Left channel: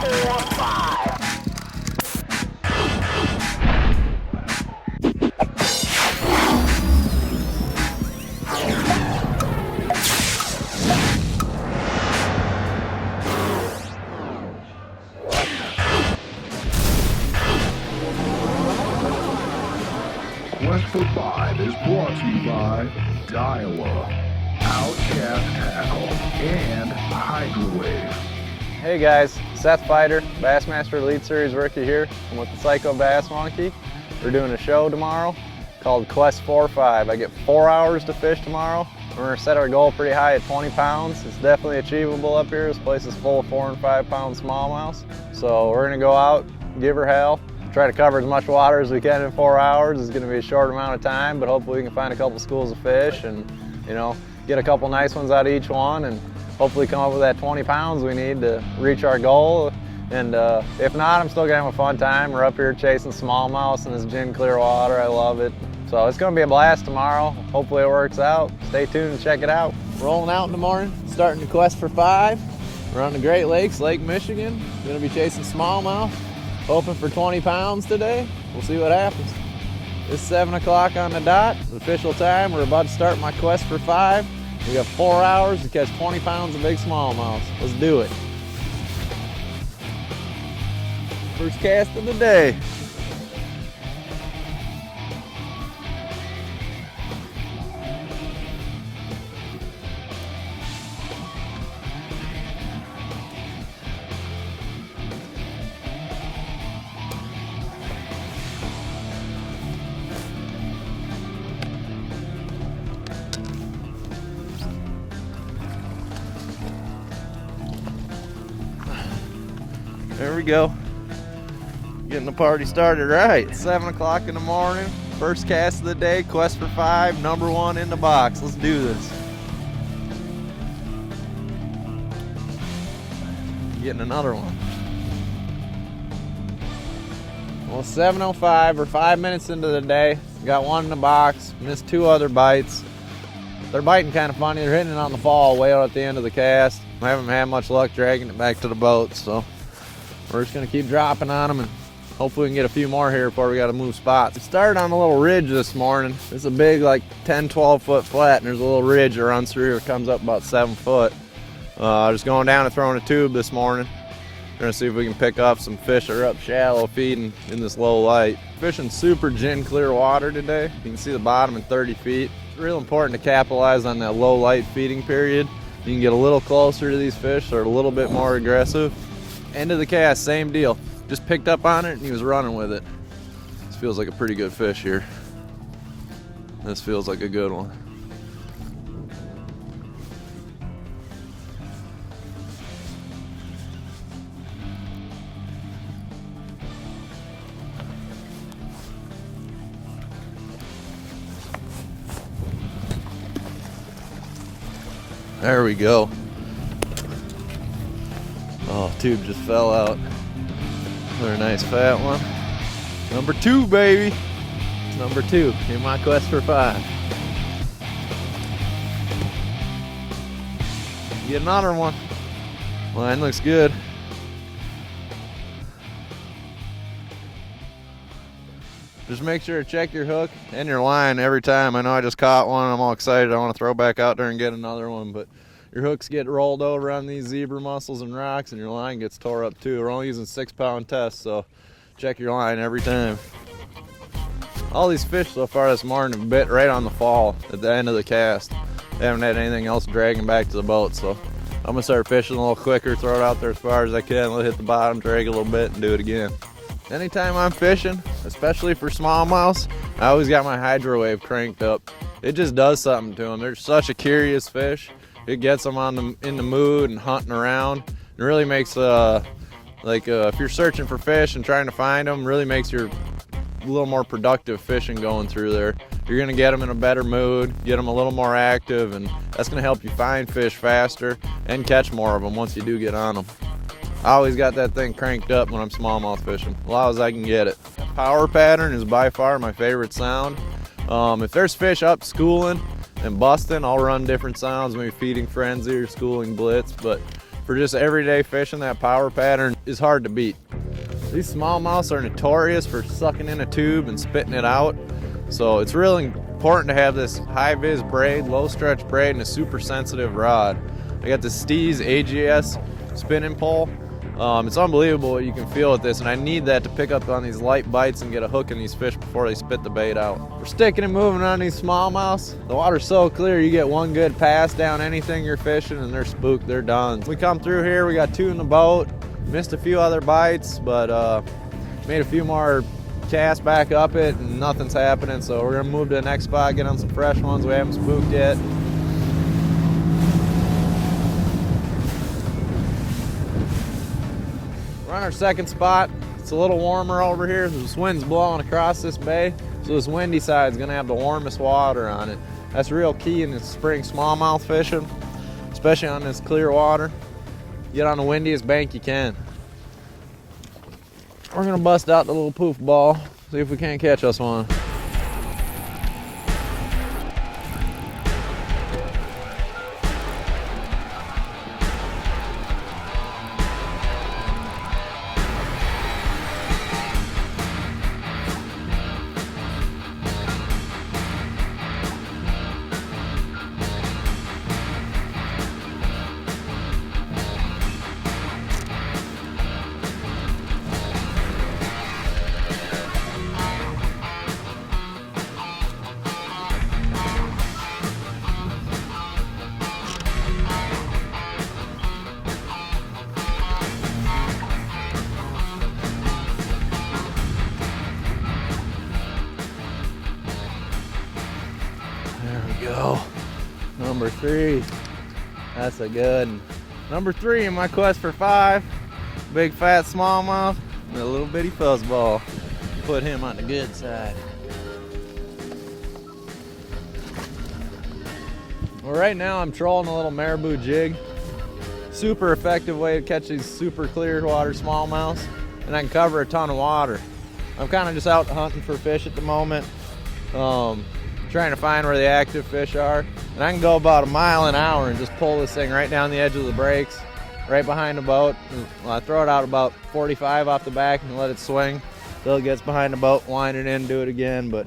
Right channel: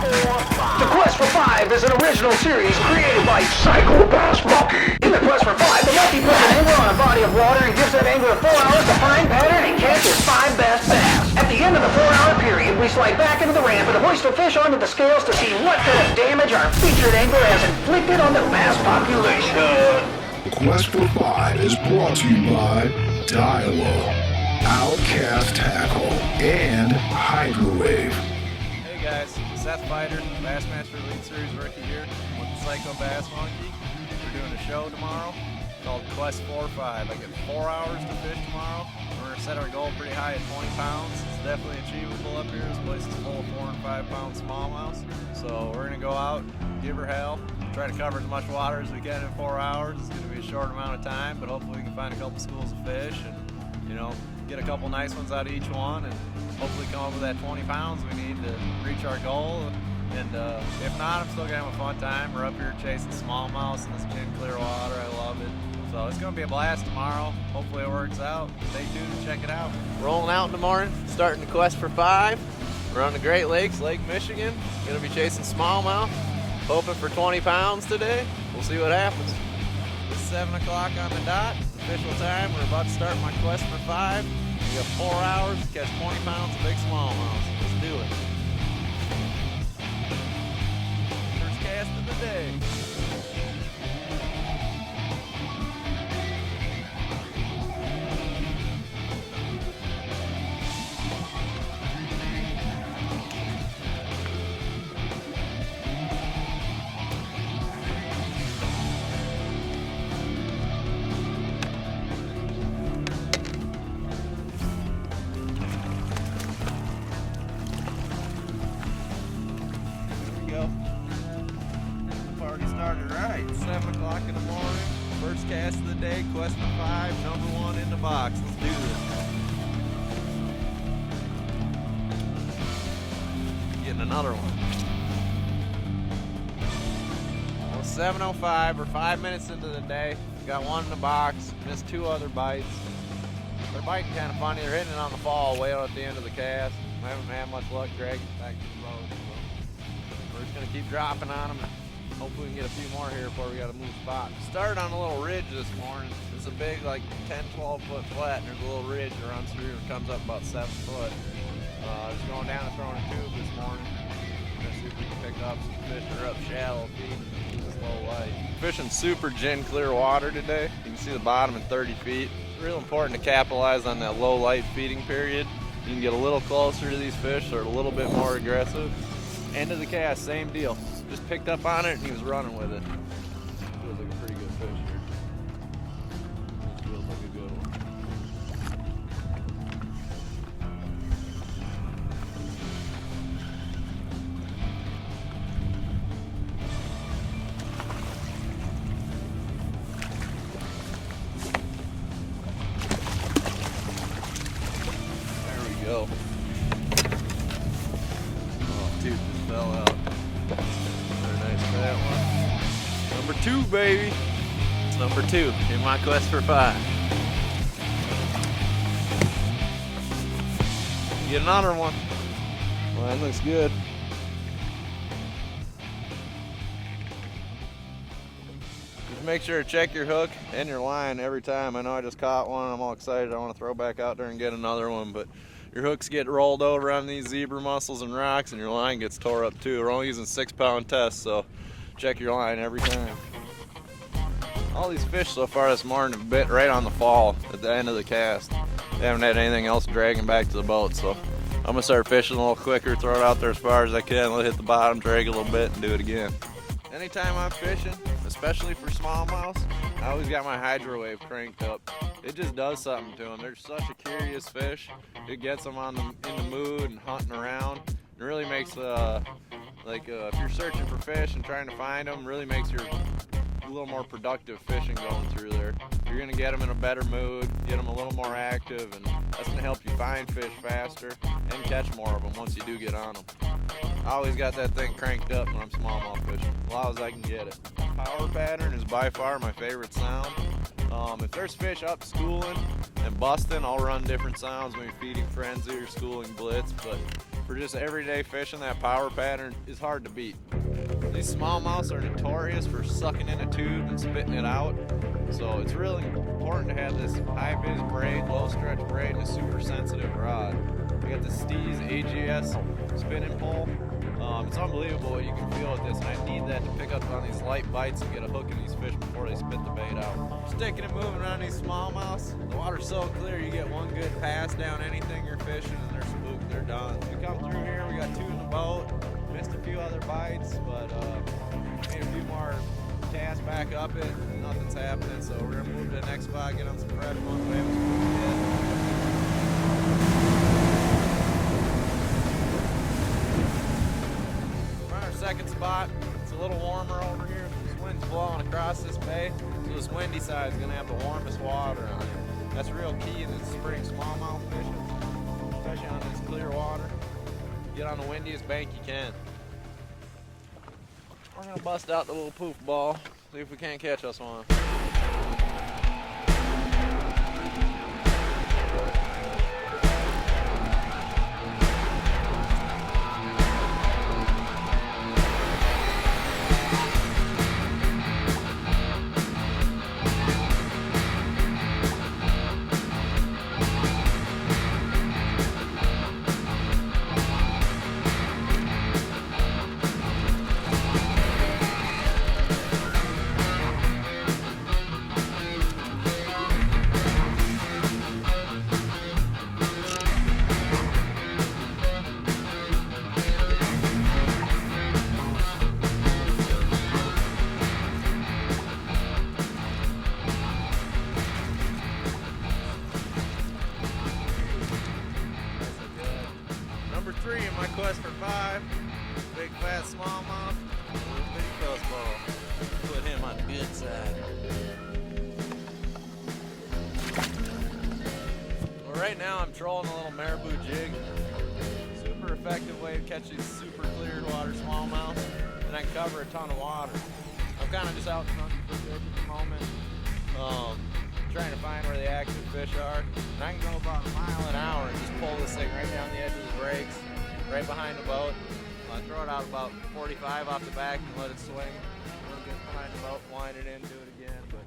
The Quest for Five is an original series created by Psycho Bass Monkey. In the Quest for Five, the monkey puts a lure on a body of water and gives that angler 4 hours to find, pattern, and catch his 5 best bass. At the end of the 4-hour period, we slide back into the ramp and hoist the fish onto the scales to see what kind of damage our featured angler has inflicted on the bass population. The Quest for Five is brought to you by Talon, Outcast Tackle, and Hydrowave. Hey guys, Seth Feider, Bassmaster Elite Series rookie here. I'm with the Psycho Bass Monkey. We're doing a show tomorrow called Quest for Five. I get 4 hours to fish tomorrow. We're gonna set our goal pretty high at 20 pounds. It's definitely achievable up here. This place is full of 4 and 5 pound smallmouths. So we're gonna go out, give her hell, try to cover as much water as we can in 4 hours. It's gonna be a short amount of time, but hopefully we can find a couple schools of fish and, you know, get a couple nice ones out of each one and hopefully come up with that 20 pounds we need to reach our goal. And if not, I'm still gonna have a fun time. We're up here chasing smallmouths in this gin clear water. I love it. So it's gonna be a blast tomorrow. Hopefully it works out. Stay tuned and check it out. Rolling out in the morning, starting the Quest for Five. We're on the Great Lakes, Lake Michigan. Gonna be chasing smallmouth. Hoping for 20 pounds today. We'll see what happens. It's 7 o'clock on the dot. It's official time. We're about to start my Quest for Five. We got 4 hours to catch 20 pounds of big smallmouth. Let's do it. First cast of the day. There we go. Getting the party started right. 7 o'clock in the morning. First cast of the day. Quest for Five. #1 in the box. Let's do this. Getting another one. Well, 7:05. We're 5 minutes into the day. Got one in the box. Missed 2 other bites. They're biting kind of funny. They're hitting it on the fall way out at the end of the cast. I haven't had much luck dragging it back to the boat, so we're just gonna keep dropping on them and hopefully we can get a few more here before we gotta move spots. We started on a little ridge this morning. It's a big, like 10, 12 foot flat, and there's a little ridge that runs through. It comes up about 7 foot. Just going down and throwing a tube this morning. We're gonna see if we can pick up some fish that are up shallow feeding in this low light. Fishing super gin clear water today. You can see the bottom in 30 feet. It's real important to capitalize on that low light feeding period. You can get a little closer to these fish. They're a little bit more aggressive. End of the cast, same deal. Just picked up on it and he was running with it. This feels like a pretty good fish here. This feels like a good one. There we go. Oh, tube just fell out. Another nice fat one. #2, baby. #2 in my Quest for Five. Get another one. Line looks good. Just make sure to check your hook and your line every time. I know I just caught one. I'm all excited. I want to throw back out there and get another one, but your hooks get rolled over on these zebra mussels and rocks, and your line gets tore up too. We're only using 6-pound tests, so check your line every time. All these fish so far this morning have bit right on the fall at the end of the cast. They haven't had anything else dragging back to the boat, so I'm gonna start fishing a little quicker, throw it out there as far as I can, let it hit the bottom, drag a little bit, and do it again. Anytime I'm fishing, especially for smallmouths, I always got my Hydrowave cranked up. It just does something to them. They're such a curious fish. It gets them in the mood and hunting around. It really makes if you're searching for fish and trying to find them, really makes your a little more productive fishing going through there. You're gonna get them in a better mood, get them a little more active, and that's gonna help you find fish faster and catch more of them once you do get on them. I always got that thing cranked up when I'm smallmouth fishing, as loud as I can get it. Power pattern is by far my favorite sound. If there's fish up schooling and busting, I'll run different sounds, maybe feeding frenzy or schooling blitz, but for just everyday fishing, that power pattern is hard to beat. These smallmouths are notorious for sucking in a tube and spitting it out. So it's really important to have this high vis braid, low stretch braid, and a super sensitive rod. I got the Steez AGS spinning pole. It's unbelievable what you can feel with this, and I need that to pick up on these light bites and get a hook in these fish before they spit the bait out. We're sticking and moving on these smallmouths. The water's so clear, you get one good pass down anything you're fishing and they're spooked, they're done. We come through here, we got 2 in the boat, missed a few other bites, but made a few more casts back up it and nothing's happening, so we're gonna move to the next spot, get on some fresh ones we haven't spooked yet. We're on our second spot. It's a little warmer over here. This wind's blowing across this bay, so this windy side is gonna have the warmest water on it. That's real key in this spring smallmouth fishing, especially on this clear water. Get on the windiest bank you can. We're gonna bust out the little poof ball, see if we can't catch us one. Number 3, that's a good one. Number 3 in my quest for 5, big fat smallmouth and a little bitty fuzzball. Put him on the good side. Well, right now I'm trolling a little marabou jig. Super effective way to catch these super clear water smallmouths, and I can cover a ton of water. I'm kind of just out hunting for fish at the moment. Trying to find where the active fish are, and I can go about 1 mile an hour and just pull this thing right down the edge of the brakes, right behind the boat. I throw it out about 45 off the back and let it swing till it gets behind the boat, wind it in, do it again. But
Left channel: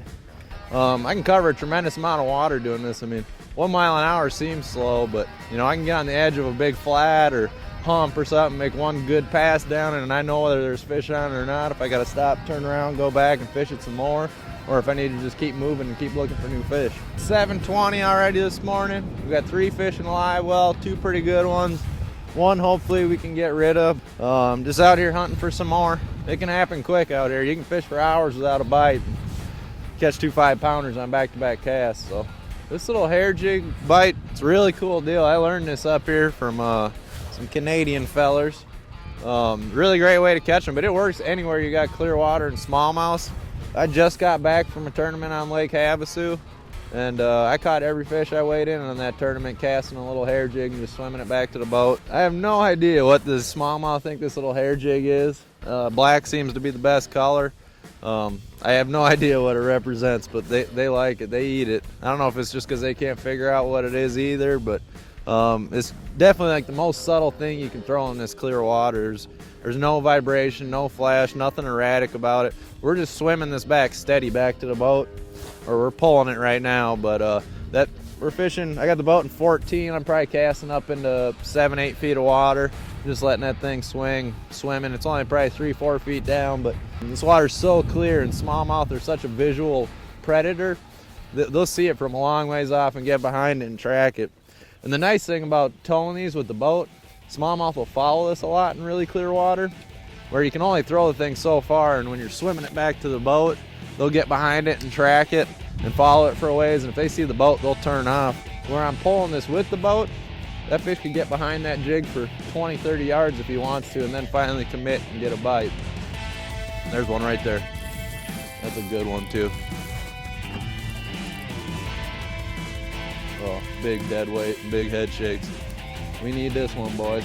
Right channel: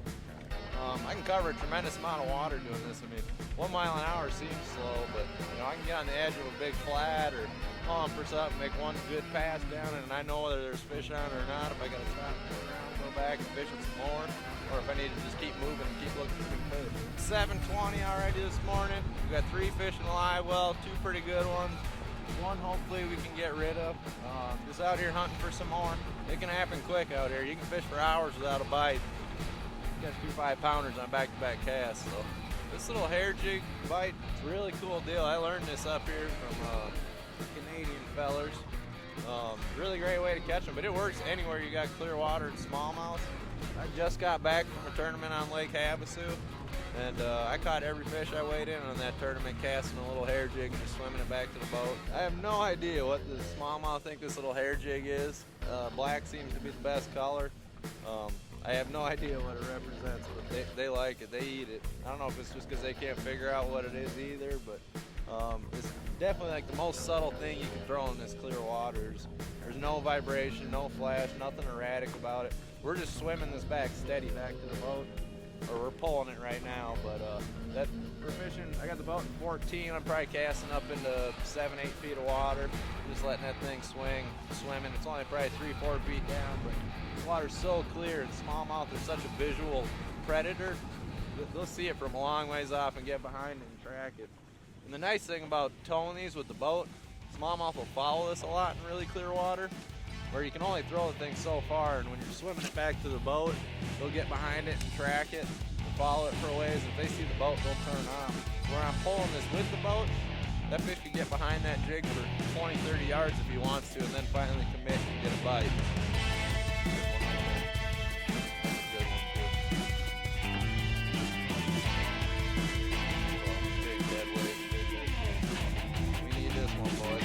I can cover a tremendous amount of water doing this. I mean, 1 mile an hour seems slow, but you know, I can get on the edge of a big flat or hump or something, make one good pass down, and I know whether there's fish on it or not. If I gotta stop, turn around, go back and fish it some more, or if I need to just keep moving and keep looking for new fish. 7:20 already this morning. We got 3 fish in the live well, 2 pretty good ones. 1 hopefully we can get rid of. Just out here hunting for some more. It can happen quick out here. You can fish for hours without a bite. Catch 2 5-pounders on back-to-back casts. So this little hair jig bite, it's a really cool deal. I learned this up here from some Canadian fellers. Really great way to catch them, but it works anywhere you got clear water and smallmouth. I just got back from a tournament on Lake Havasu, and I caught every fish I weighed in on that tournament, casting a little hair jig and just swimming it back to the boat. I have no idea what the smallmouth think this little hair jig is. Black seems to be the best color. I have no idea what it represents, but they like it, they eat it. I don't know if it's just because they can't figure out what it is either, but it's definitely like the most subtle thing you can throw in this clear water. There's no vibration, no flash, nothing erratic about it. We're just swimming this back steady back to the boat, or we're pulling it right now, but that we're fishing. I got the boat in 14. I'm probably casting up into 7-8 feet of water, just letting that thing swing, swimming. It's only probably 3-4 feet down, but this water's so clear, and smallmouth are such a visual predator. They'll see it from a long ways off and get behind it and track it. And the nice thing about towing these with the boat, smallmouth will follow this a lot in really clear water, where you can only throw the thing so far, and when you're swimming it back to the boat, they'll get behind it and track it and follow it for a ways, and if they see the boat, they'll turn off. Where I'm pulling this with the boat, that fish can get behind that jig for 20-30 yards if he wants to, and then finally commit and get a bite. There's one right there. That's a good one too. Oh, big dead weight, big head shakes. We need this one, boys.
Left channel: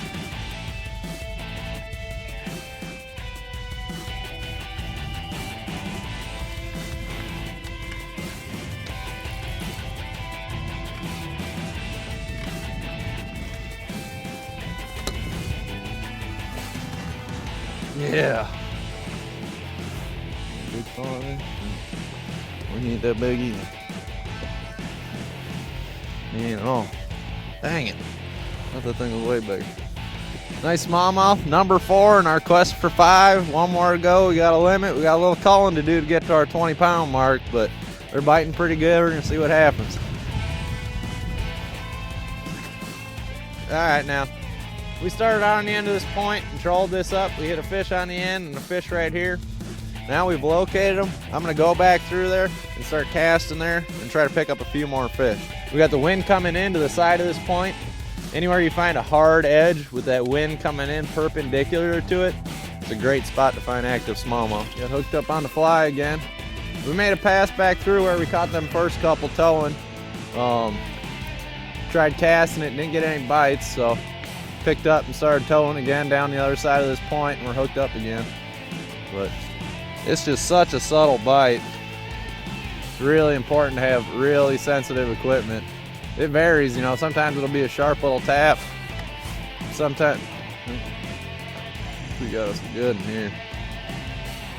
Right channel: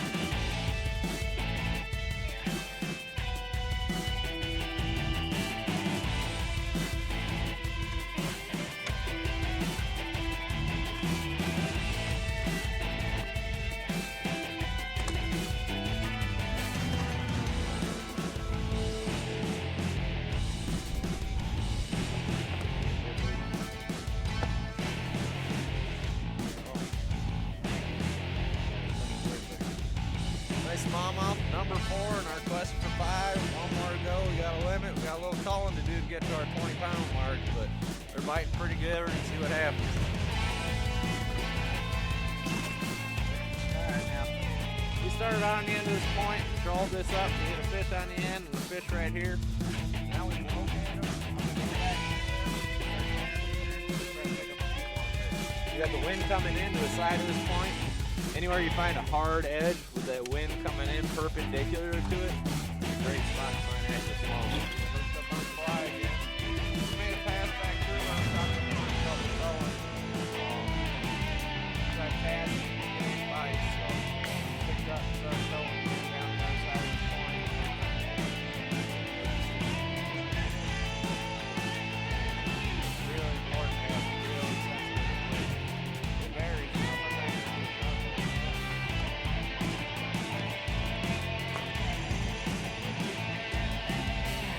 Yeah. We need that biggie. Oh, dang it. I thought that thing was way bigger. Nice smallmouth, number 4 in our quest for 5. One more to go. We got a limit. We got a little culling to do to get to our 20-pound mark, but they're biting pretty good. We're gonna see what happens. All right, now we started out on the end of this point, trolled this up. We hit a fish on the end and a fish right here. Now we've located them. I'm gonna go back through there and start casting there and try to pick up a few more fish. We got the wind coming into the side of this point. Anywhere you find a hard edge with that wind coming in perpendicular to it, it's a great spot to find active smallmouth. Got hooked up on the fly again. We made a pass back through where we caught them first couple towing. Tried casting it, didn't get any bites, so picked up and started towing again down the other side of this point, and we're hooked up again. But it's just such a subtle bite. It's really important to have really sensitive equipment. It varies, you know, sometimes it'll be a sharp little tap. Sometimes, we got us good in here.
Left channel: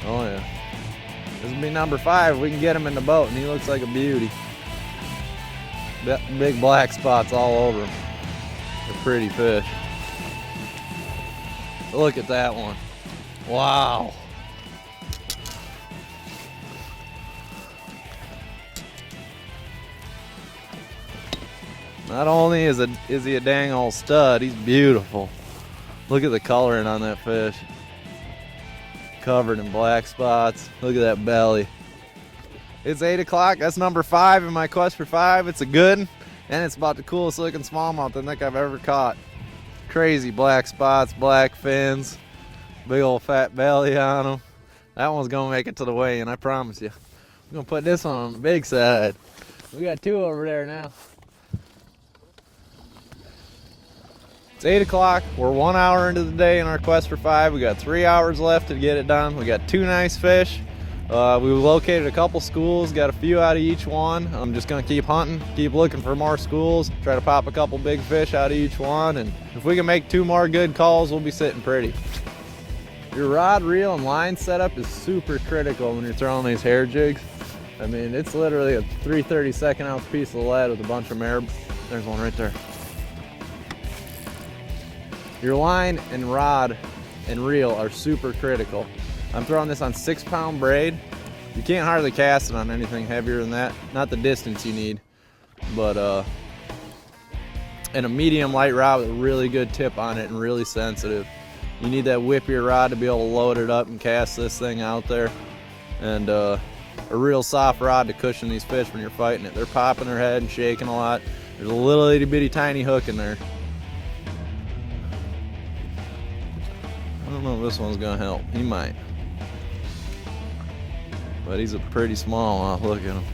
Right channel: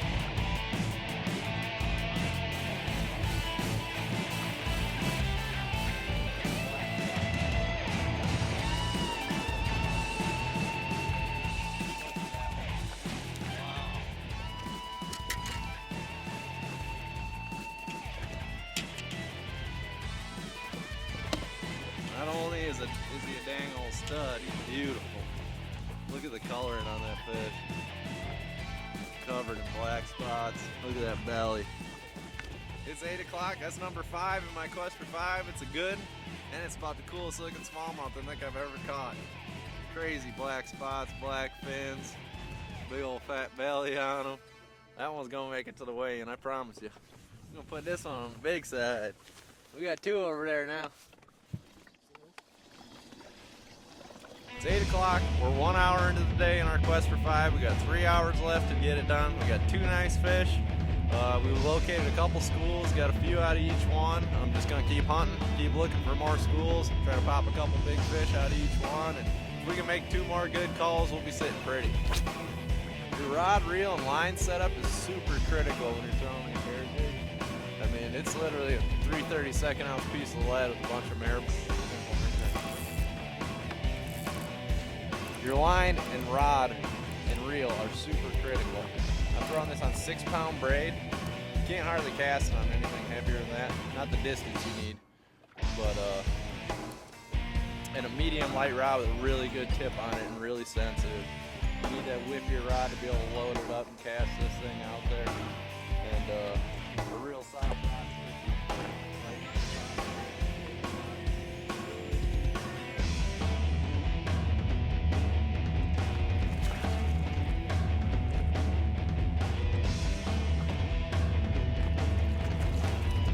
Oh yeah. This will be number 5. We can get him in the boat and he looks like a beauty. Big black spots all over him. A pretty fish. Look at that one. Wow. Not only is he a dang old stud, he's beautiful. Look at the coloring on that fish. Covered in black spots. Look at that belly. It's 8 o'clock. That's number 5 in my quest for 5. It's a good one, and it's about the coolest looking smallmouth I think I've ever caught. Crazy black spots, black fins, big old fat belly on them. That one's gonna make it to the weigh-in, I promise you. I'm gonna put this one on the big side. We got 2 over there now. It's 8 o'clock. We're 1 hour into the day in our quest for 5. We got 3 hours left to get it done. We got 2 nice fish. We located a couple schools, got a few out of each one. I'm just gonna keep hunting, keep looking for more schools, try to pop a couple big fish out of each one, and if we can make 2 more good calls, we'll be sitting pretty. Your rod, reel, and line setup is super critical when you're throwing these hair jigs. I mean, it's literally a 3/32 ounce piece of lead with a bunch of marabou. There's one right there. Your line and rod and reel are super critical. I'm throwing this on 6-pound braid. You can't hardly cast it on anything heavier than that. Not the distance you need, but and a medium light rod with a really good tip on it and really sensitive. You need that whippier rod to be able to load it up and cast this thing out there. And a real soft rod to cushion these fish when you're fighting it. They're popping their head and shaking a lot. There's a little itty bitty tiny hook in there. I don't know if this one's gonna help. He might. But he's a pretty small one. Look at him.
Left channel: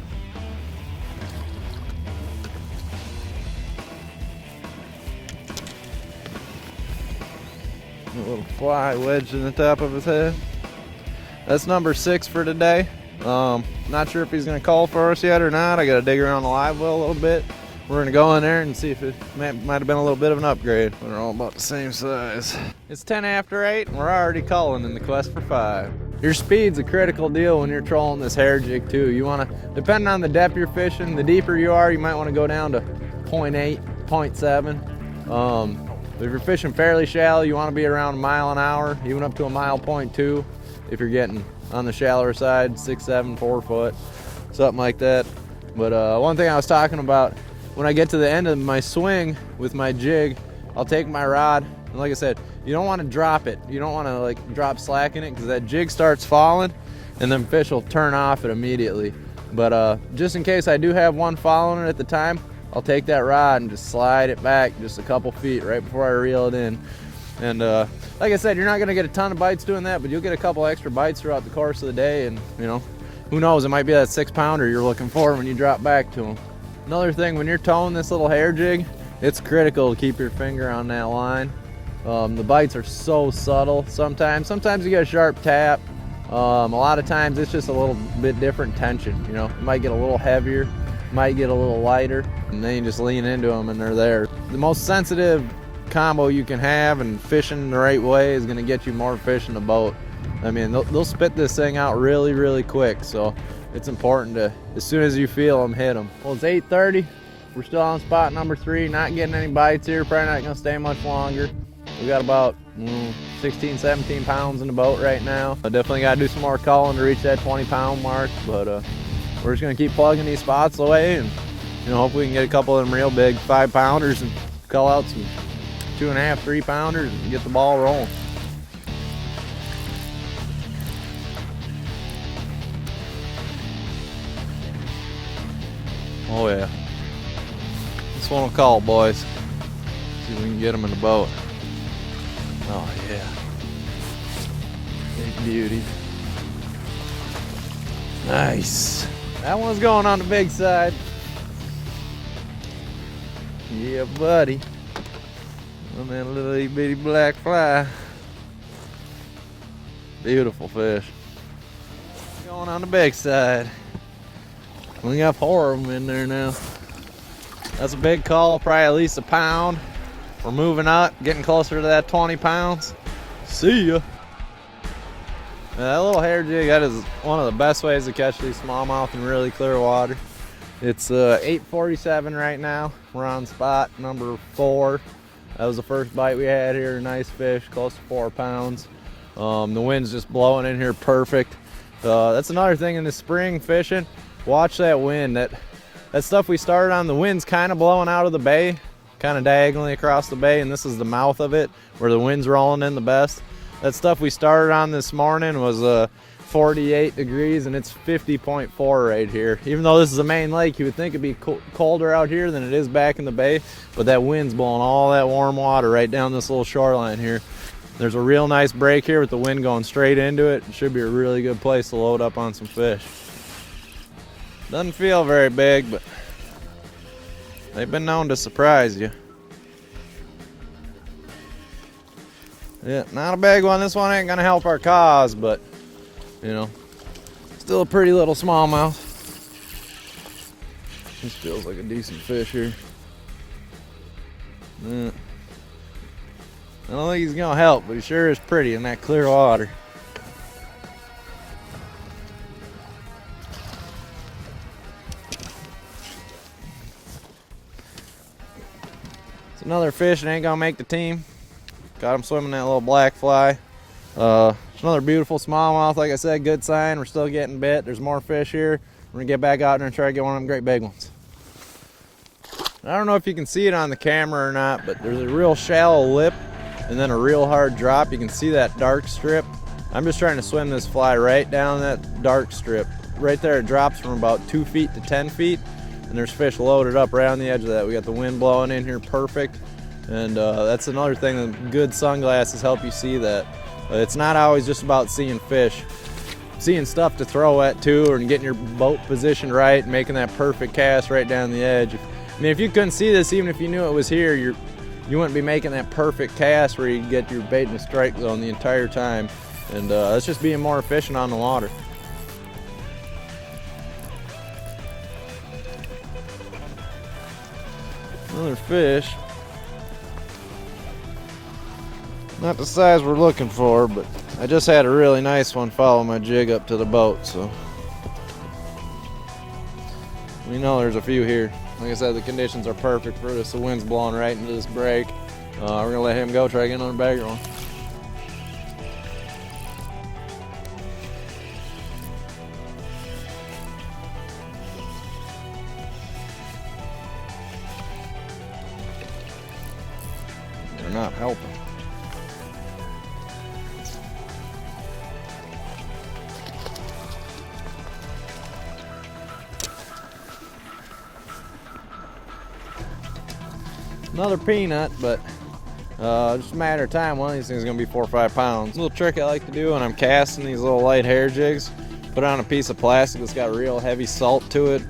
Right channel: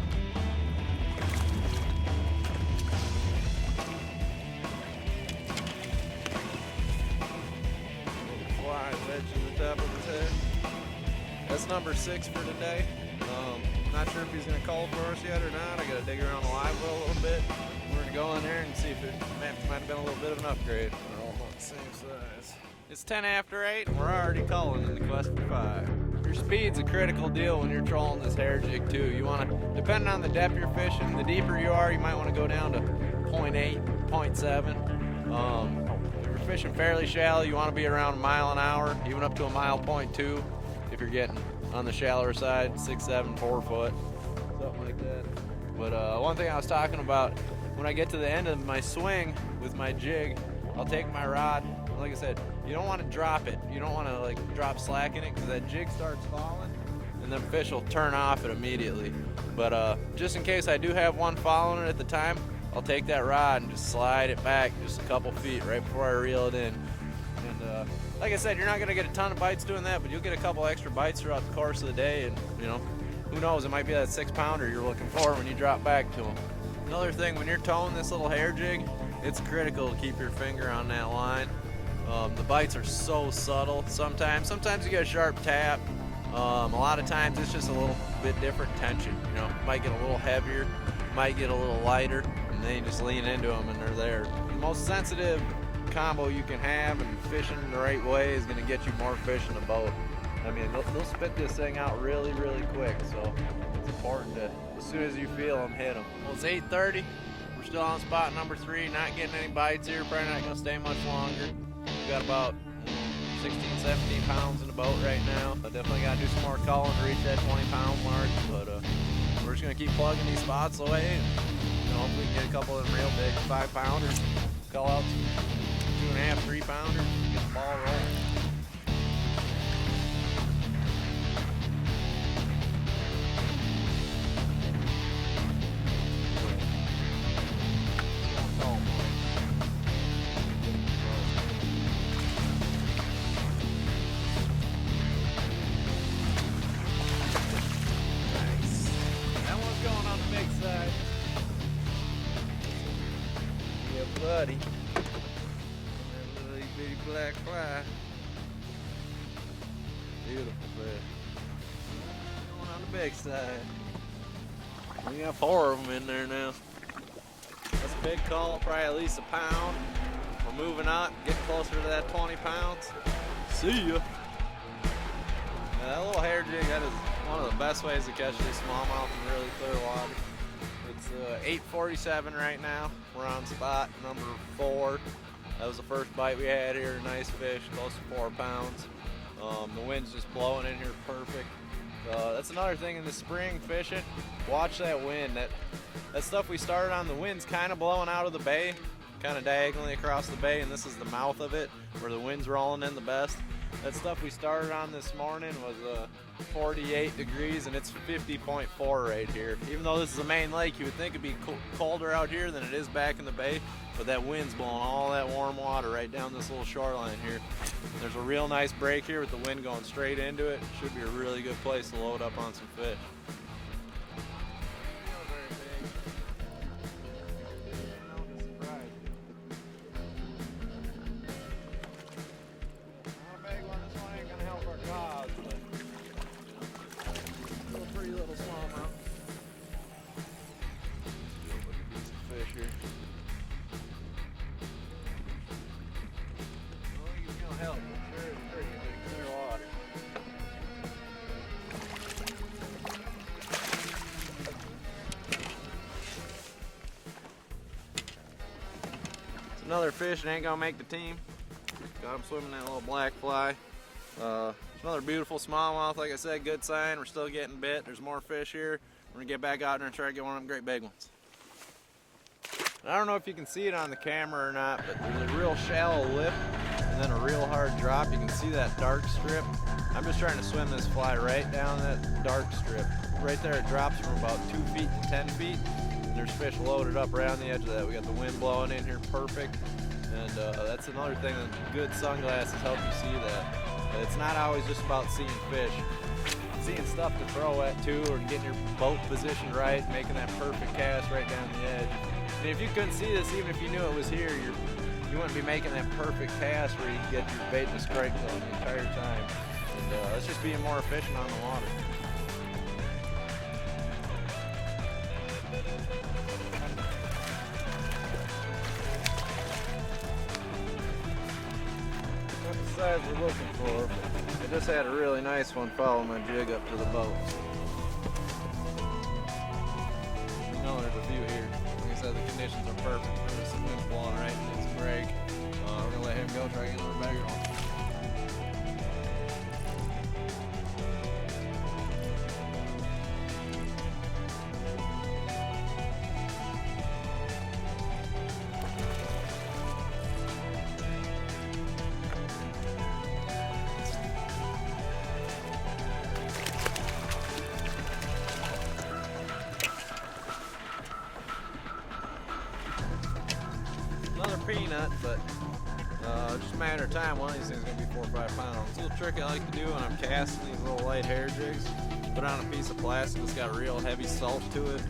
A little fly wedged in the top of his head. That's number 6 for today. Not sure if he's gonna call for us yet or not. I gotta dig around the live well a little bit. We're gonna go in there and see if it might have been a little bit of an upgrade. They're all about the same size. It's 10 after 8 and we're already calling in the quest for 5. Your speed's a critical deal when you're trolling this hair jig too. You wanna, depending on the depth you're fishing, the deeper you are, you might wanna go down to 0.8, 0.7. If you're fishing fairly shallow, you wanna be around a mile an hour, even up to a mile 0.2. If you're getting on the shallower side, 6, 7, 4 foot, something like that. But one thing I was talking about, when I get to the end of my swing with my jig, I'll take my rod, and like I said, you don't want to drop it. You don't want to like drop slack in it because that jig starts falling and then fish will turn off it immediately. But just in case I do have one following it at the time, I'll take that rod and just slide it back just a couple feet right before I reel it in. And like I said, you're not going to get a ton of bites doing that, but you'll get a couple extra bites throughout the course of the day, and you know, who knows, it might be that 6-pounder you're looking for when you drop back to them. Another thing, when you're towing this little hair jig, it's critical to keep your finger on that line. The bites are so subtle sometimes. Sometimes you get a sharp tap. A lot of times it's just a little bit different tension. You know, it might get a little heavier, might get a little lighter, and then you just lean into them and they're there. The most sensitive combo you can have, and fishing the right way is going to get you more fish in the boat. I mean, they'll spit this thing out really, really quick, so it's important to, as soon as you feel them, hit them. Well, it's 8:30. We're still on spot number 3, not getting any bites here, probably not going to stay much longer. We got about 16, 17 pounds in the boat right now. I definitely got to do some more calling to reach that 20-pound mark, but we're just going to keep plugging these spots away, and hopefully we can get a couple of them real big 5-pounders and call out some 2.5, 3-pounders and get the ball rolling. Oh yeah. This one will call, boys. See if we can get them in the boat. Oh yeah. Beauty. Nice. That one's going on the big side. Yeah, buddy. And that little itty bitty black fly. Beautiful fish. Going on the big side. We got 4 of them in there now. That's a big call, probably at least a pound. We're moving up, getting closer to that 20 pounds. See ya. Now, that little hair jig, that is one of the best ways to catch these smallmouth in really clear water. It's 8:47 right now. We're on spot number 4. That was the first bite we had here. Nice fish, close to 4 pounds. The wind's just blowing in here perfect. That's another thing in the spring fishing. Watch that wind. That stuff we started on, the wind's kind of blowing out of the bay, kind of diagonally across the bay, and this is the mouth of it where the wind's rolling in the best. That stuff we started on this morning was 48 degrees, and it's 50.4 right here. Even though this is a main lake, you would think it'd be colder out here than it is back in the bay, but that wind's blowing all that warm water right down this little shoreline here. There's a real nice break here with the wind going straight into it. It should be a really good place to load up on some fish. Doesn't feel very big, but they've been known to surprise you. Yeah, not a big one. This one ain't gonna help our cause, but still a pretty little smallmouth. This feels like a decent fish here. Yeah. I don't think he's gonna help, but he sure is pretty in that clear water. It's another fish that ain't gonna make the team. Got him swimming that little black fly. It's another beautiful smallmouth. Like I said, good sign. We're still getting bit. There's more fish here. We're gonna get back out there and try to get one of them great big ones. I don't know if you can see it on the camera or not, but there's a real shallow lip and then a real hard drop. You can see that dark strip. I'm just trying to swim this fly right down that dark strip. Right there it drops from about 2 feet to 10 feet, and there's fish loaded up right on the edge of that. We got the wind blowing in here perfect, and that's another thing that good sunglasses help you see that. It's not always just about seeing fish. Seeing stuff to throw at too, and getting your boat positioned right, and making that perfect cast right down the edge. I mean, if you couldn't see this, even if you knew it was here, you wouldn't be making that perfect cast where you get your bait in the strike zone the entire time. And that's just being more efficient on the water. Another fish. Not the size we're looking for, but I just had a really nice one follow my jig up to the boat, so we know there's a few here. Like I said, the conditions are perfect for this. The wind's blowing right into this break. We're gonna let him go, try to get another bagger on. They're not helping. Another peanut, but just a matter of time. One of these things is going to be 4 or 5 pounds. A little trick I like to do when I'm casting these little light hair jigs, put on a piece of plastic that's got real heavy salt to it.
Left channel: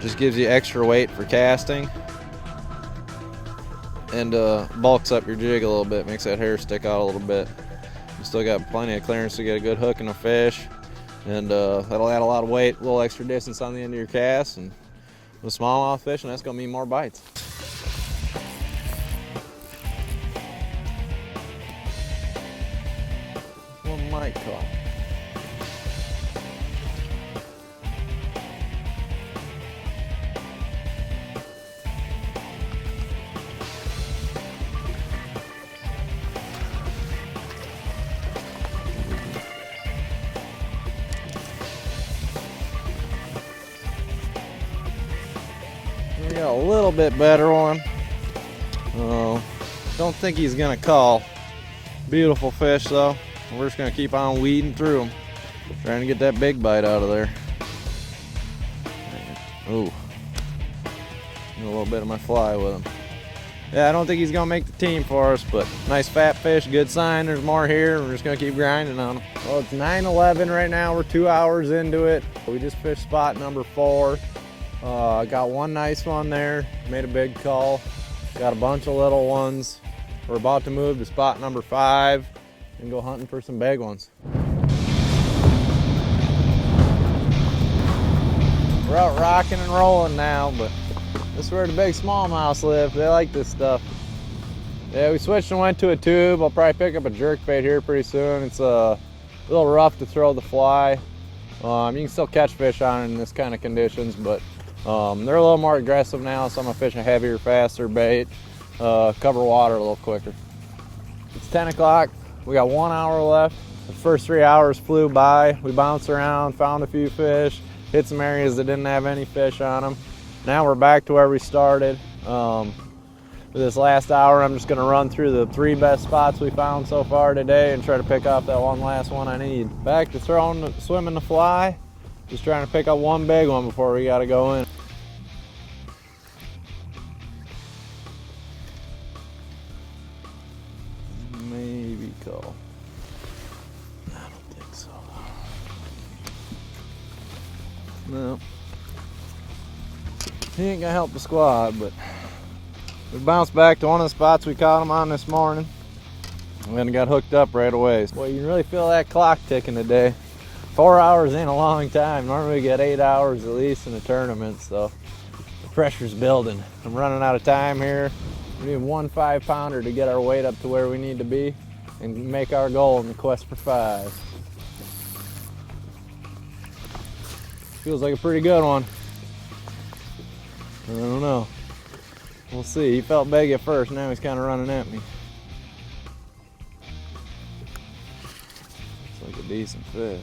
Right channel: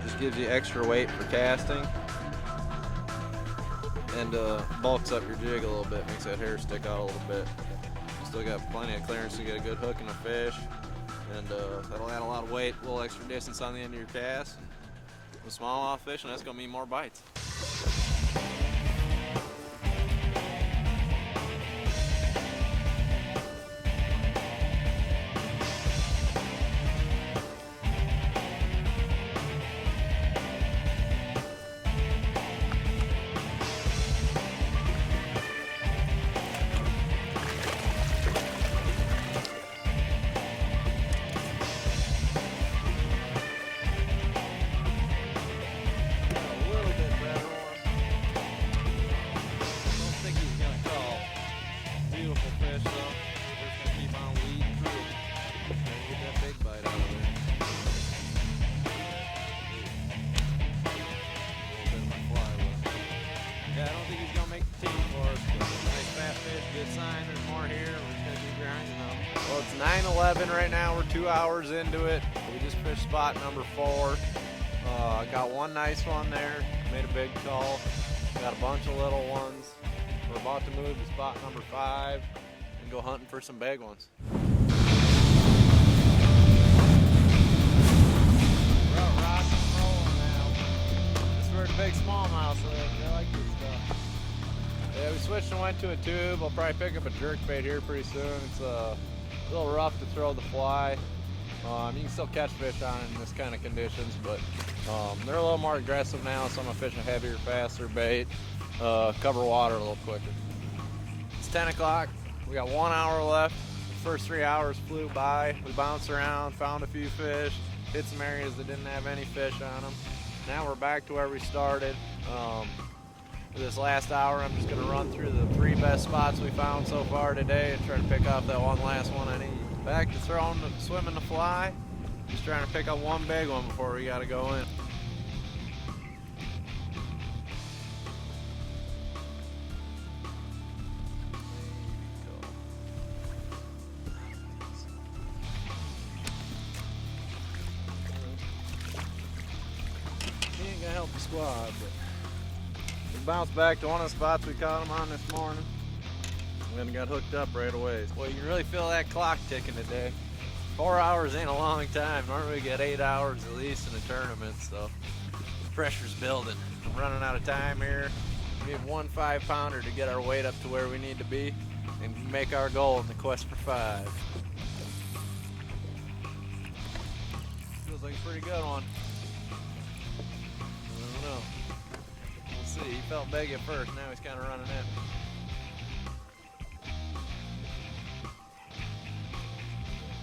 Just gives you extra weight for casting, and bulks up your jig a little bit, makes that hair stick out a little bit. You still got plenty of clearance to get a good hook and a fish, and that'll add a lot of weight, a little extra distance on the end of your cast, and with smallmouth fishing, that's gonna mean more bites. bit better one. Don't think he's gonna call. Beautiful fish though. We're just gonna keep on weeding through them, trying to get that big bite out of there. Ooh, a little bit of my fly with him. Yeah, I don't think he's gonna make the team for us, but nice fat fish, good sign. There's more here. We're just gonna keep grinding on them. Well, it's 9:11 right now. We're 2 hours into it. We just fished spot number 4. Got one nice one there. Made a big call. Got a bunch of little ones. We're about to move to spot number 5 and go hunting for some big ones. We're out rocking and rolling now, but this is where the big smallmouths live. They like this stuff. Yeah, we switched and went to a tube. I'll probably pick up a jerkbait here pretty soon. It's a little rough to throw the fly. You can still catch fish on it in this kind of conditions, but they're a little more aggressive now, so I'm gonna fish a heavier, faster bait. Cover water a little quicker. It's 10 o'clock. We got 1 hour left. The first 3 hours flew by. We bounced around, found a few fish, hit some areas that didn't have any fish on them. Now we're back to where we started. For this last hour, I'm just gonna run through the 3 best spots we found so far today and try to pick up that one last one I need. Back to swimming the fly. Just trying to pick up one big one before we gotta go in. Maybe call. I don't think so. No. He ain't gonna help the squad, but we bounced back to one of the spots we caught him on this morning and then got hooked up right away. Well, you can really feel that clock ticking today. 4 hours ain't a long time. Normally we get 8 hours at least in a tournament, so the pressure's building. I'm running out of time here. We need 1 5-pounder to get our weight up to where we need to be and make our goal in the quest for 5. Feels like a pretty good one. I don't know. We'll see. He felt big at first, now he's kind of running at me. Looks like a decent fish.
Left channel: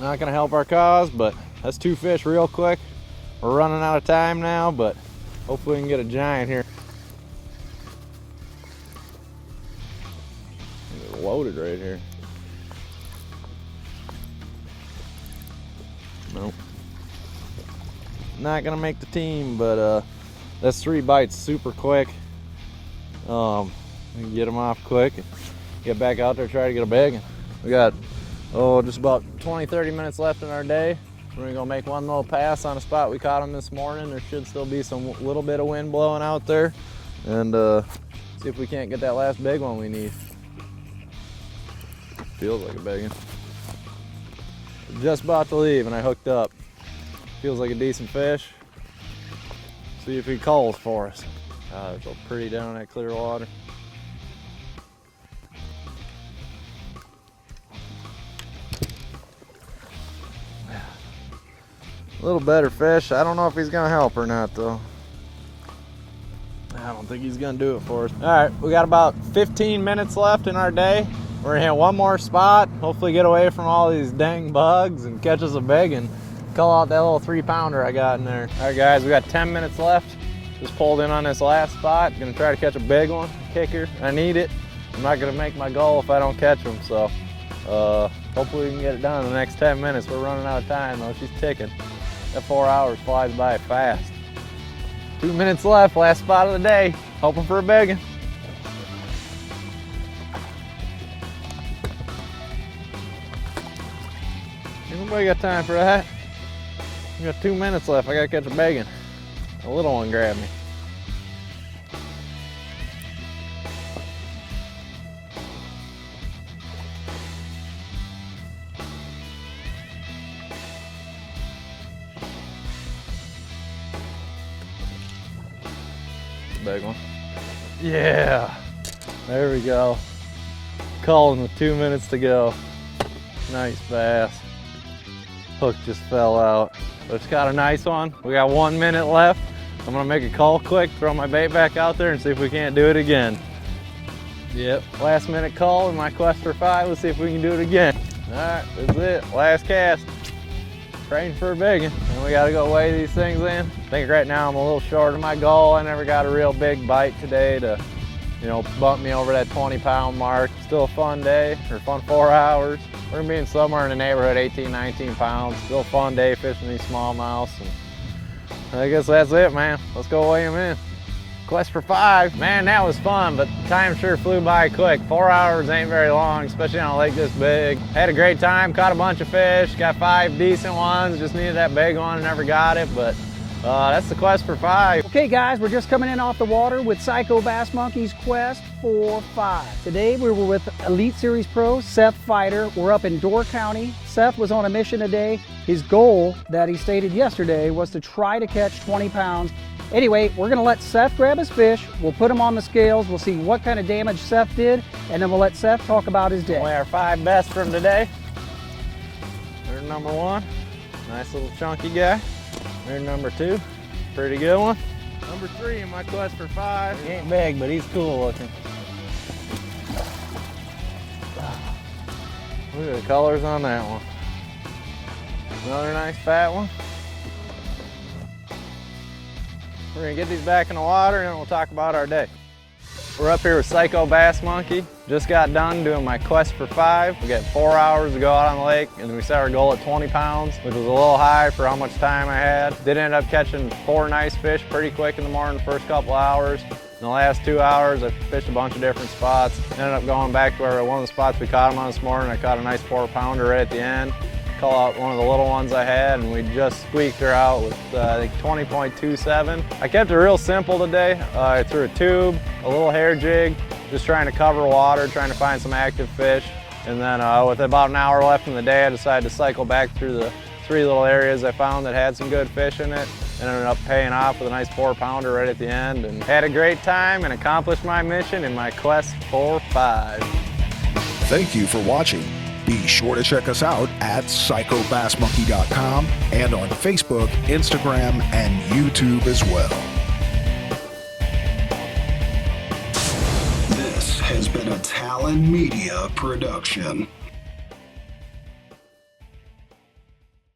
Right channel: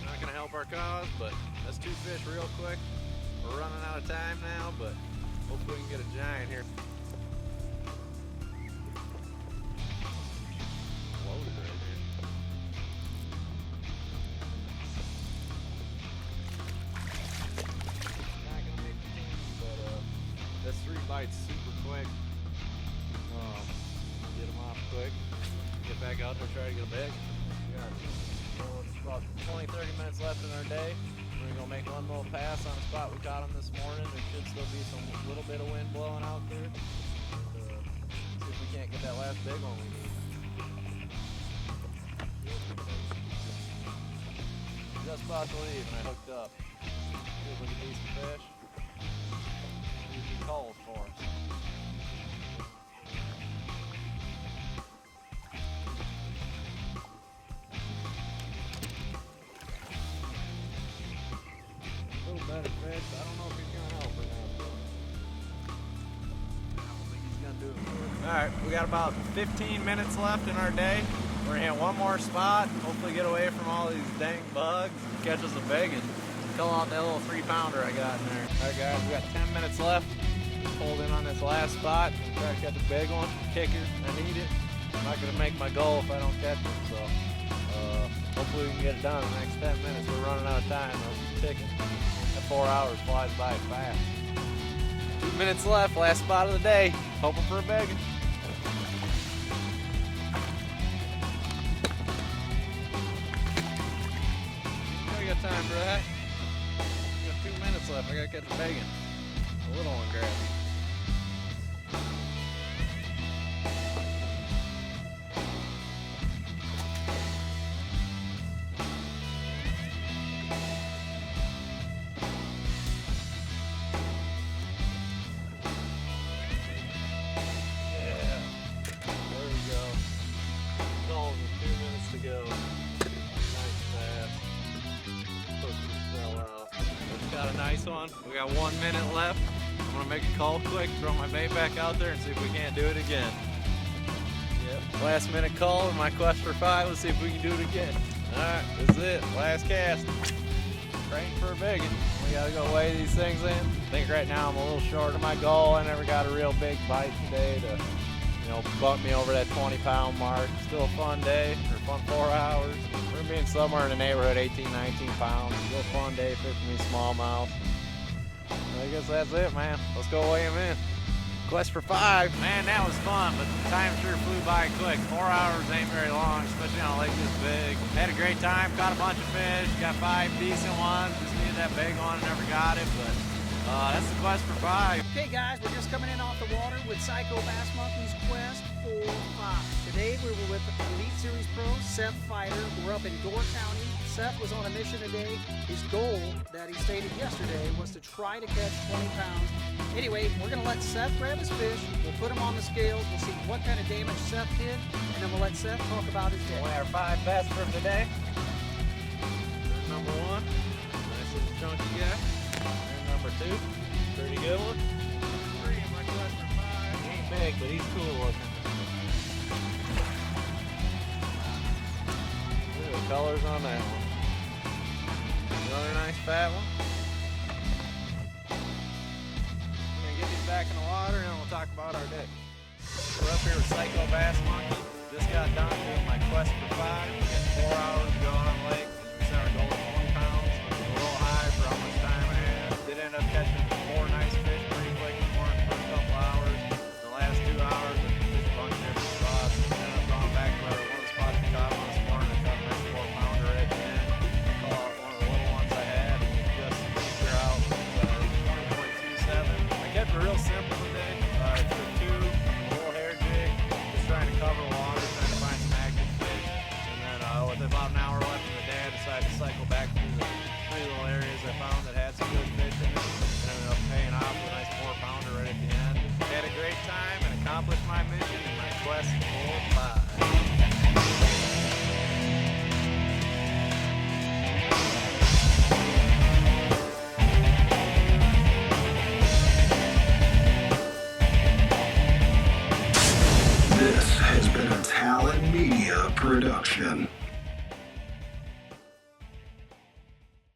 Not gonna help our cause, but that's 2 fish real quick. We're running out of time now, but hopefully we can get a giant here. It's loaded right here. Nope. Not gonna make the team, but that's 3 bites super quick. You can get them off quick and get back out there, try to get a big. We got just about 20-30 minutes left in our day. We're gonna go make one little pass on a spot we caught them this morning. There should still be some little bit of wind blowing out there, and see if we can't get that last big one we need. Feels like a big one. Just about to leave and I hooked up. Feels like a decent fish. See if he calls for us. It's so pretty down in that clear water. A little better fish. I don't know if he's gonna help or not though. I don't think he's gonna do it for us. All right, we got about 15 minutes left in our day. We're gonna hit one more spot, hopefully get away from all these dang bugs and catch us a big and call out that little 3-pounder I got in there. All right guys, we got 10 minutes left. Just pulled in on this last spot. Gonna try to catch a big one, kicker. I need it. I'm not gonna make my goal if I don't catch them, so hopefully we can get it done in the next 10 minutes. We're running out of time though, she's ticking. That 4 hours flies by fast. 2 minutes left, last spot of the day. Hoping for a big one. Anybody got time for that? We got 2 minutes left. I gotta catch a big one. A little one grabbed me. Big one. Yeah. There we go. Calling with 2 minutes to go. Nice bass. Hook just fell out. But it's got a nice one. We got 1 minute left. I'm gonna make a call quick, throw my bait back out there and see if we can't do it again. Yep, last minute call in my quest for 5. Let's see if we can do it again. Alright, that's it. Last cast. Praying for a big one. And we gotta go weigh these things in. I think right now I'm a little short of my goal. I never got a real big bite today to, you know, bump me over that 20-pound mark. Still a fun day, or fun 4 hours. We're gonna be in somewhere in the neighborhood, 18, 19 pounds. Still a fun day fishing these smallmouths. And I guess that's it, man. Let's go weigh them in. Quest for 5. Man, that was fun, but time sure flew by quick. 4 hours ain't very long, especially on a lake this big. Had a great time, caught a bunch of fish, got 5 decent ones, just needed that big one and never got it, but that's the quest for 5. Okay guys, we're just coming in off the water with Psycho Bass Monkey's quest for 5. Today we were with Elite Series Pro Seth Feider. We're up in Door County. Seth was on a mission today. His goal that he stated yesterday was to try to catch 20 pounds. Anyway, we're gonna let Seth grab his fish. We'll put him on the scales. We'll see what kind of damage Seth did, and then we'll let Seth talk about his day. Weigh our 5 best from today. There's number 1, nice little chunky guy. There's number 2, pretty good one. Number 3 in my quest for 5. He ain't big, but he's cool looking. Look at the colors on that one. Another nice fat one. We're gonna get these back in the water and then we'll talk about our day. We're up here with Psycho Bass Monkey. Just got done doing my quest for 5. We got 4 hours to go out on the lake and we set our goal at 20 pounds, which was a little high for how much time I had. Did end up catching 4 nice fish pretty quick in the morning, the first couple hours. In the last 2 hours, I fished a bunch of different spots. Ended up going back to where one of the spots we caught them on this morning. I caught a nice 4-pounder right at the end. Call out one of the little ones I had, and we just squeaked her out with I think 20.27. I kept it real simple today. I threw a tube, a little hair jig, just trying to cover water, trying to find some active fish. And then with about an hour left in the day, I decided to cycle back through the 3 little areas I found that had some good fish in it, and ended up paying off with a nice 4-pounder right at the end. And had a great time and accomplished my mission in my quest for 5. Thank you for watching. Be sure to check us out at psychobassmonkey.com and on Facebook, Instagram, and YouTube as well. This has been a Talon Media production.